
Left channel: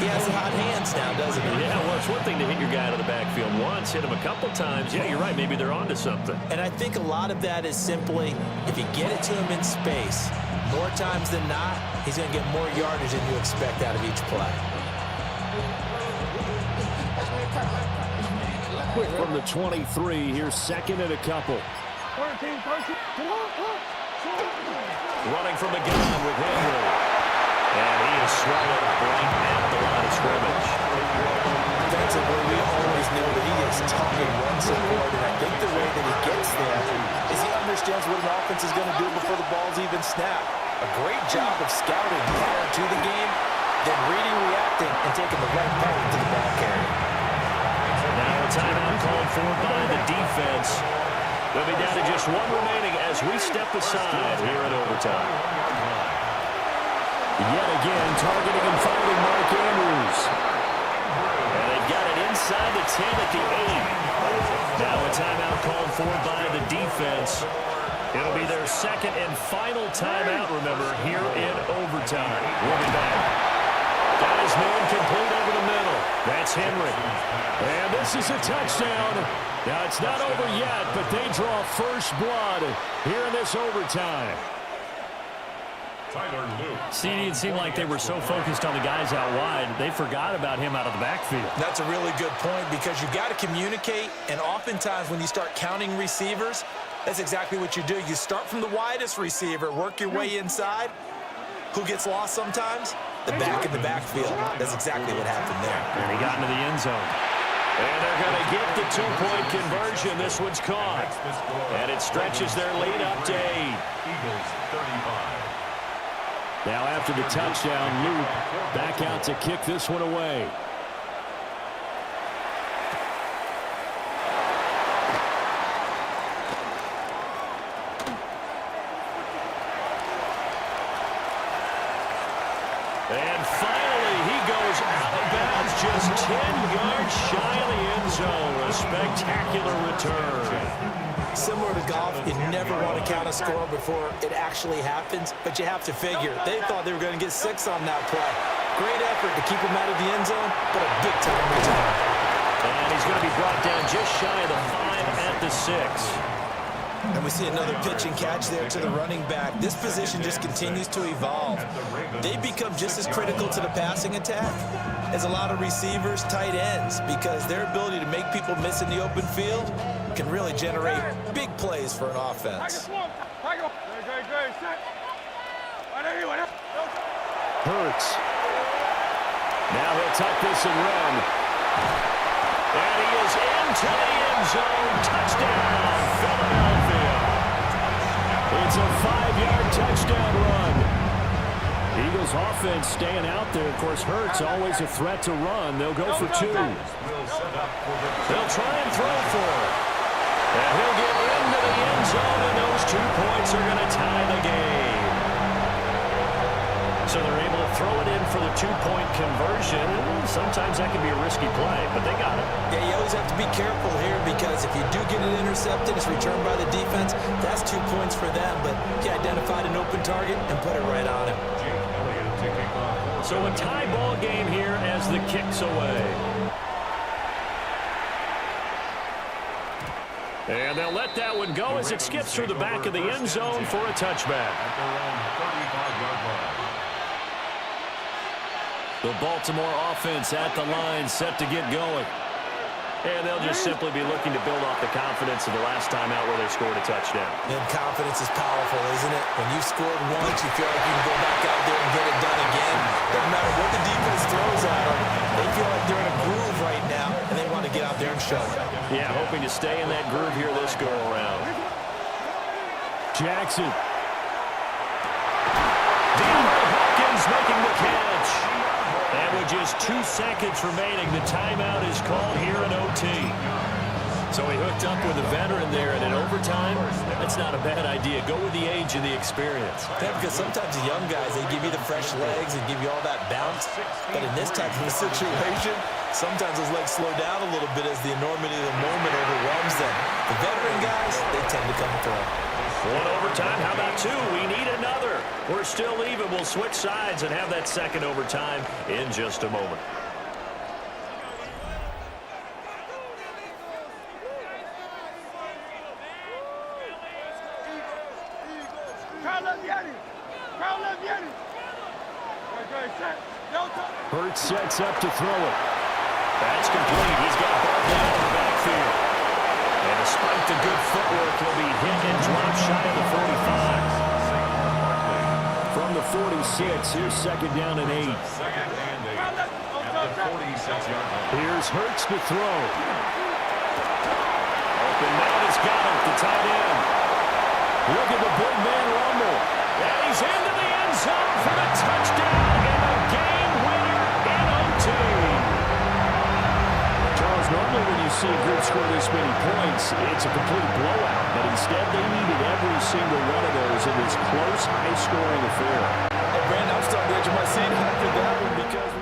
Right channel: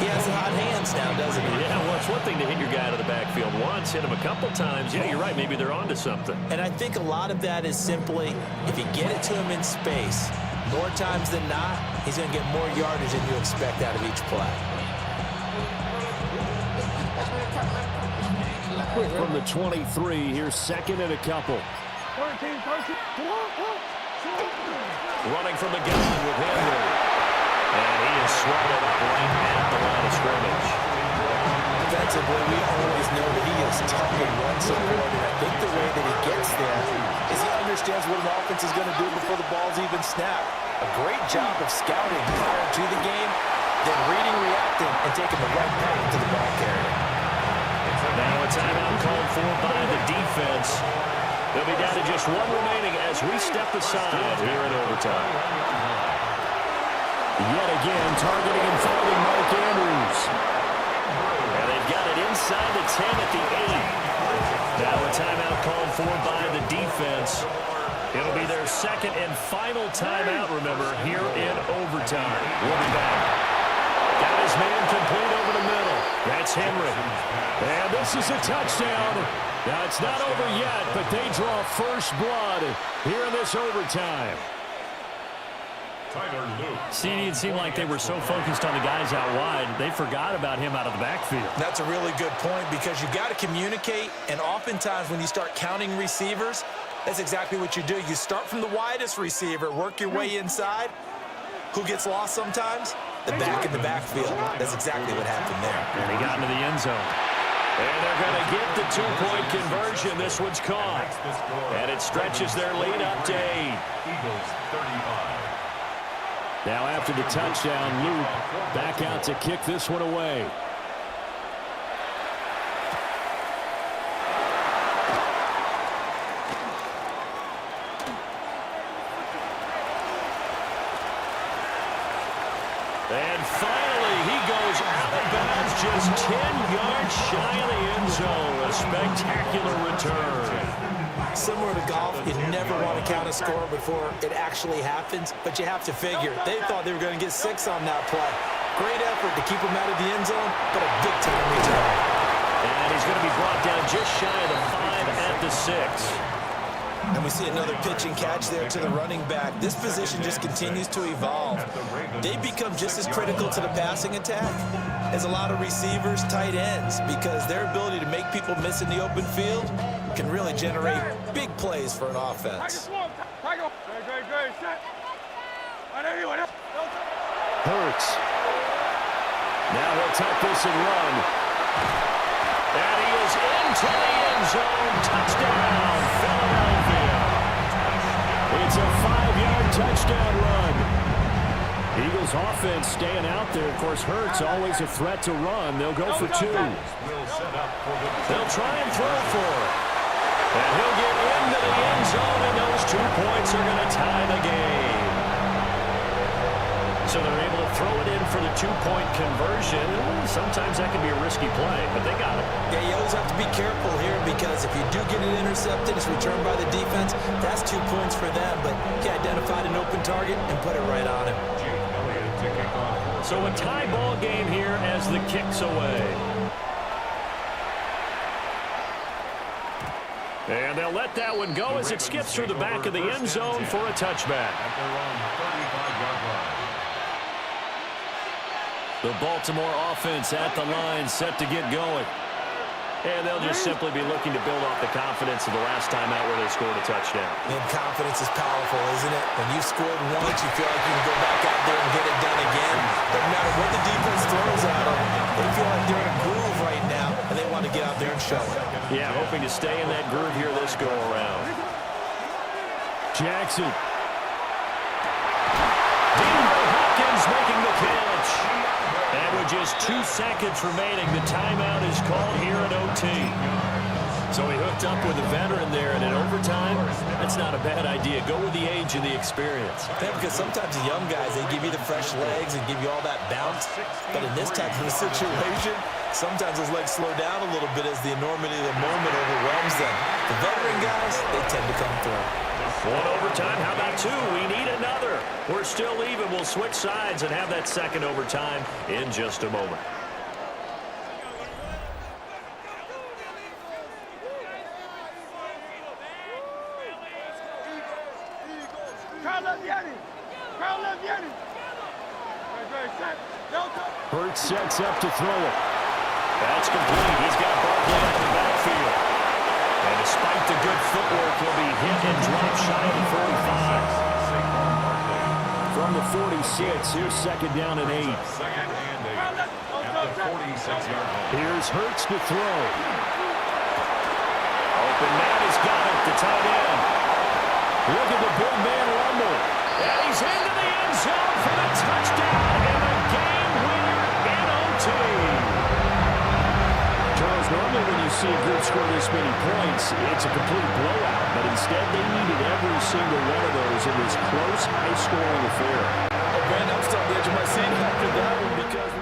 He has hot hands now, doesn't he? Yeah, well, it's one thing to hit your guy out of the backfield once, hit him a couple times. Yeah, you're right. Maybe they're onto something. And I think a lot of that is simply if you get it to him in space, more times than not, he's going to get more yardage than you expect out of each play. From the 23, here's second and a couple. Running from the gun with Henry. And he is swallowed up right at the line of scrimmage. Defensively, we always know that he is tough and run support, and I think the way that he gets there is he understands what an offense is going to do before the ball's even snapped. A great job of scouting prior to the game, then reading, reacting, and taking the right path to the ball carrier. Now a timeout called for by the defense. They'll be down to just one remaining as we step aside here in overtime. Yet again, targeting and finding Mark Andrews. And they've got it inside the 10 at the 8. Now a timeout called for by the defense. It'll be their second and final timeout, remember, here in overtime. We'll be back. Got his man complete over the middle. That's Henry. And this is a touchdown. Now, it's not over yet, but they draw first blood here in this overtime. Tyler Luke. See, it seemed like they were so focused on the guys out wide, they forgot about him out of the backfield. That's a really good point because you've got to communicate, and oftentimes when you start counting receivers, that's exactly what you do. You start from the widest receiver, work your way inside. Who gets lost sometimes? The back in the backfield. That's exactly what happened there. And he got into the end zone. And they're going to get the two-point conversion. This one's caught. And it stretches their lead up to 8. Eagles 35. Now after the touchdown, Luke back out to kick this one away. And finally, he goes out of bounds just 10 yards shy of the end zone. A spectacular return. Similar to golf, you never want to count a score before it actually happens, but you have to figure. They thought they were going to get 6 on that play. Great effort to keep him out of the end zone, but a big-time return. And he's going to be brought down just shy of the 5 at the 6. And we see another pitch and catch there to the running back. This position just continues to evolve. They become just as critical to the passing attack as a lot of receivers, tight ends, because their ability to make people miss in the open field can really generate big plays for an offense. Hurts. Now he'll tuck this and run. And he is into the end zone. Touchdown, Philadelphia. It's a 5-yard touchdown run. Eagles offense staying out there. Of course, Hurts always a threat to run. They'll go for 2. They'll try and throw for it. And he'll get into the end zone, and those 2 points are going to tie the game. So they're able to throw it in for the 2-point conversion. Sometimes that can be a risky play, but they got it. Yeah, you always have to be careful here because if you do get it intercepted, it's returned by the defense. That's 2 points for them, but he identified an open target and put it right on him. So a tie ball game here as the kick's away. And they'll let that one go as it skips through the back of the end zone for a touchback. At their own 35-yard line. The Baltimore offense at the line, set to get going. And they'll just simply be looking to build off the confidence of the last time out where they scored a touchdown. And confidence is powerful, isn't it? When you've scored once, you feel like you can go back out there and get it done again. Doesn't matter what the defense throws at them. They feel like they're in a groove right now, and they want to get out there and show it. Yeah, hoping to stay in that groove here this go-around. Jackson. Deantae Hopkins making the catch. And with just 2 seconds remaining, the timeout is called here in OT. So he hooked up with a veteran there, and in overtime, that's not a bad idea. Go with the age and the experience. Yeah, because sometimes the young guys, they give you the fresh legs and give you all that bounce. But in this type of a situation, Sometimes those legs slow down a little bit as the enormity of the moment overwhelms them. The veteran guys, they tend to come through. One overtime. How about two? We need another. We're still even. We'll switch sides and have that second overtime in just a moment. Hurts sets up to throw it. That's complete. He's got Barkley out of the backfield. And despite the good footwork, he'll be hit and dropped shy of the 45. From the 46, here's second down and 8. Second and 8 at the 46-yard line. Here's Hurts to throw. Open man has got it, the tight end. Look at the big man rumble. And he's into the end zone for the touchdown and the game winner in OT. Charles, normally when you see a group score this many points, it's a complete blowout. But instead, they needed every single one of those in this close, high-scoring affair. Brandon, I'm still on the edge of my seat after that one because